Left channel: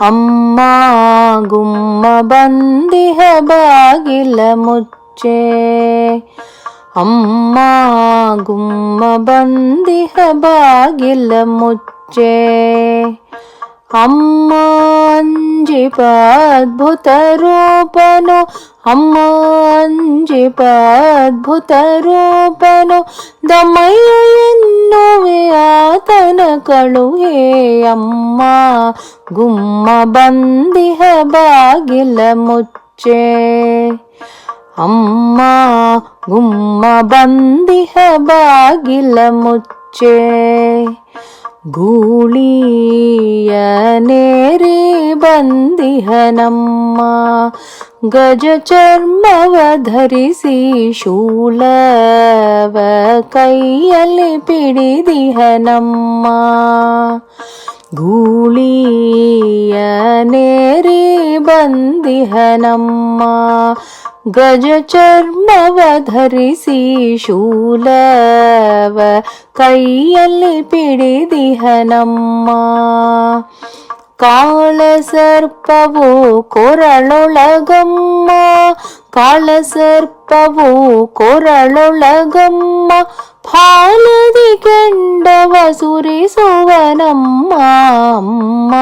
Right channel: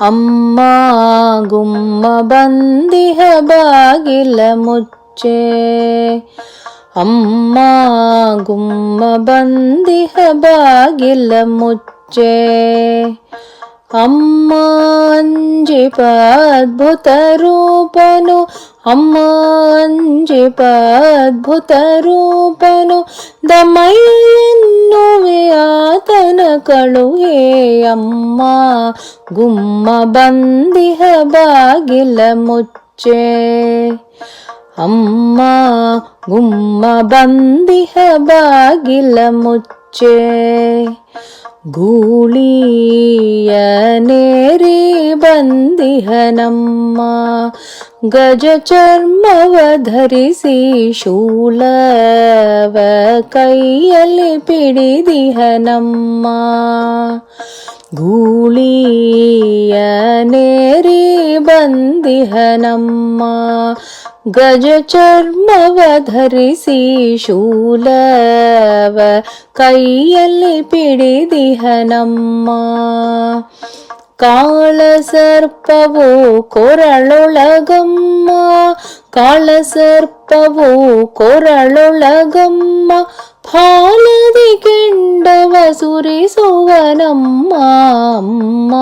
ಅಮ್ಮ ಗುಮ್ಮ ಬಂದಿಹ ಬಾಗಿಲ ಮುಚ್ಚೆ. ಅಮ್ಮ ಗುಮ್ಮ ಬಂದಿಹ ಬಾಗಿಲ ಮುಚ್ಚೆ. ಅಮ್ಮ ಅಂಜಿಪ ಅದ್ಭುತ ರೂಪನು, ಅಮ್ಮ ಅಂಜಿಪ ಅದ್ಭುತ ರೂಪನು, ದಮಯ ಎನ್ನುವೆ ಆತನ ಕಳುಹೆ. ಅಮ್ಮ ಗುಮ್ಮ ಬಂದಿಹ ಬಾಗಿಲ ಮುಚ್ಚೆ. ಅಮ್ಮ ಗುಮ್ಮ ಬಂದಿಹ ಬಾಗಿಲ ಮುಚ್ಚೆ. ಗೂಳಿಯ ನೇರಿ ಬಂದಿಹನಮ್ಮ, ಗಜ ಚರ್ಮವ ಧರಿಸಿ ಶೂಲವ ಕೈಯಲ್ಲಿ ಪಿಡಿದಿಹನಮ್ಮ. ಗೂಳಿಯ ನೇರಿ ಬಂದಿಹನಮ್ಮ, ಗಜ ಚರ್ಮವ ಧರಿಸಿ ಶೂಲವ ಕೈಯಲ್ಲಿ ಪಿಡಿದಿಹನಮ್ಮ. ಕಾಳ ಸರ್ಪವು ಕೊರಳೊಳಗಮ್ಮ, ಕಾಳ ಸರ್ಪವು ಕೊರಳೊಳಗಮ್ಮ, ಫಾಲದಿ ಕೆಂಡವ ಸುರಿಸುವನಮ್ಮ. ಅಮ್ಮ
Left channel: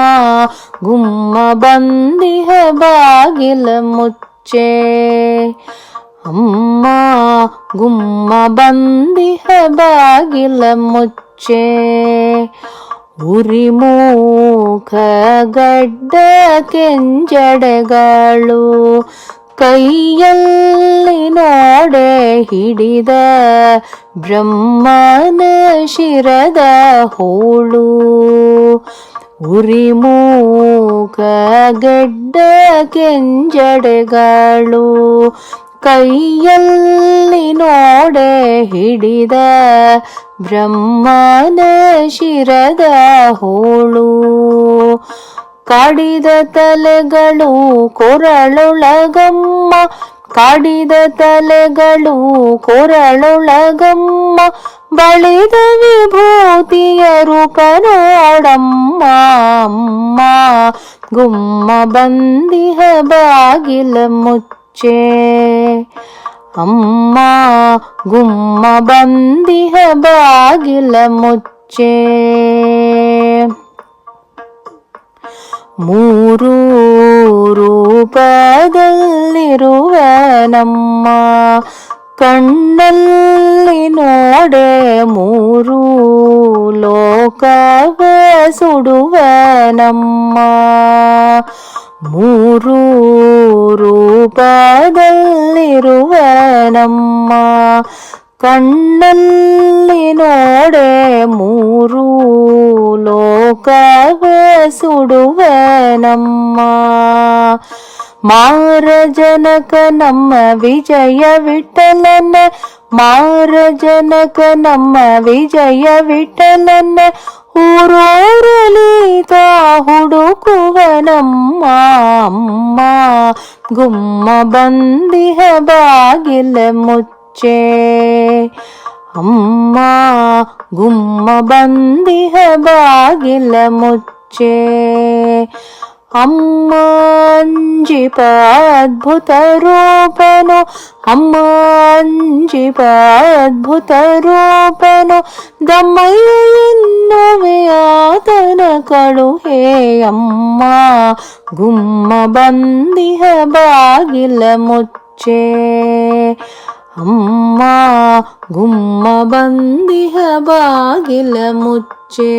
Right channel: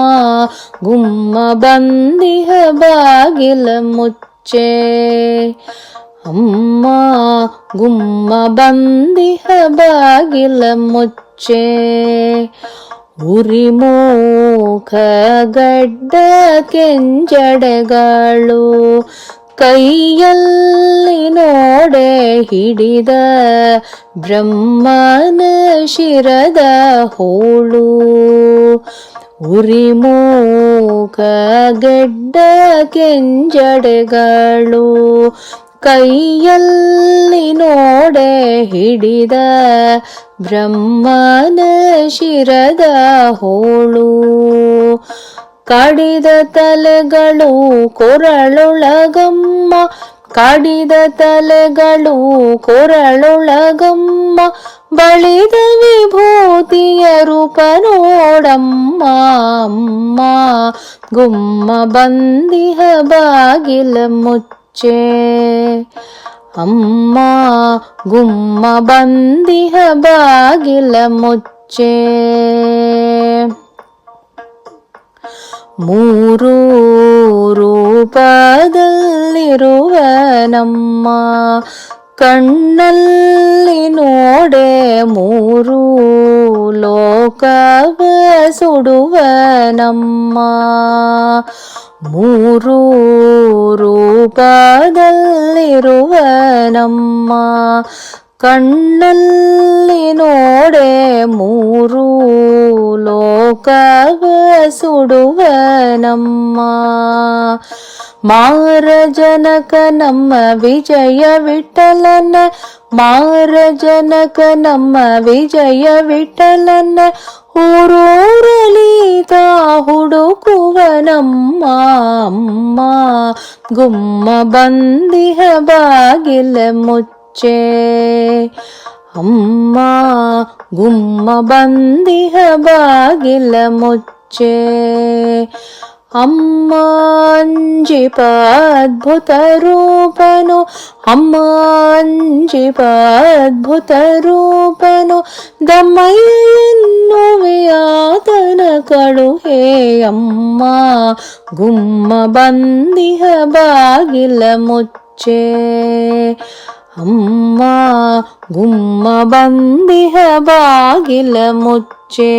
ಗುಮ್ಮ ಬಂದಿಹ ಬಾಗಿಲ ಮುಚ್ಚೆ. ಅಮ್ಮ ಗುಮ್ಮ ಬಂದಿಹ ಬಾಗಿಲ ಮುಚ್ಚೆ. ಉರಿಮೂಖ ಗಡ್ಡ ಕೆಂಜಡೆಗಳು, ಕೈಯಲ್ಲಿ ನೋಡೆ ಹಿಡಿದ ಬ್ರಹ್ಮನ ಶಿರದ ಹೋಳು. ಉರಿಮೂಖ ಗಡ್ಡ ಕೆಂಜಡೆಗಳು, ಕೈಯಲ್ಲಿ ನೋಡೆ ಹಿಡಿದ ಬ್ರಹ್ಮನ ಶಿರದ ಹೋಳು. ಕಡಿದ ತಲೆಗಳು ಕೊರಳೊಳಗಮ್ಮ, ಕಡಿದ ತಲೆಗಳು ಕೊರಳೊಳಗಮ್ಮ, ಬಳಿದ ವಿಭೂತಿಯ ರೂಪ ನೋಡಮ್ಮ. ಅಮ್ಮ ಗುಮ್ಮ ಬಂದಿಹ ಬಾಗಿಲ ಮುಚ್ಚೆ. ಅಮ್ಮ ಗುಮ್ಮ ಬಂದಿಹ ಬಾಗಿಲ ಮುಚ್ಚೆ. ಮೂರು ರೂಪದಲ್ಲಿರುವನಮ್ಮ, ಕಣ್ಣಲ್ಲಿ ನೋಡೆ ಮೂರು ಲೋಕವ ಸುಡುವನಮ್ಮ. ಮೂರು ರೂಪದಲ್ಲಿರುವನಮ್ಮ, ಕಣ್ಣಲ್ಲಿ ನೋಡೆ ಮೂರು ಲೋಕವ ಸುಡುವನಮ್ಮ. ಮಾರಜನಕ ನಮ್ಮ ವಿಜಯ ವಿಠಲನ, ಮಾರಜನಕ ನಮ್ಮ ವಿಜಯ ವಿಠಲನ, ಊರೂರಲಿ ತಾ ಹುಡುಕುವನಮ್ಮ. ಅಮ್ಮ ಗುಮ್ಮ ಬಂದಿಹ ಬಾಗಿಲ ಮುಚ್ಚೆ. ಅಮ್ಮ ಗುಮ್ಮ ಬಂದಿಹ ಬಾಗಿಲ ಮುಚ್ಚೆ. ಅಮ್ಮ ಅಂಜಿಪ ಅದ್ಭುತ ರೂಪನು, ಅಮ್ಮ ಅಂಜಿಪ ಅದ್ಭುತ ರೂಪನು, ದಮಯ ಎನ್ನುವೆ ಆತನ ಕಳುಹೆ. ಅಮ್ಮ ಗುಮ್ಮ ಬಂದಿಹ ಬಾಗಿಲ ಮುಚ್ಚೆ. ಅಮ್ಮ ಗುಮ್ಮ ಬಂದಿಹ ಬಾಗಿಲ ಮುಚ್ಚೆ.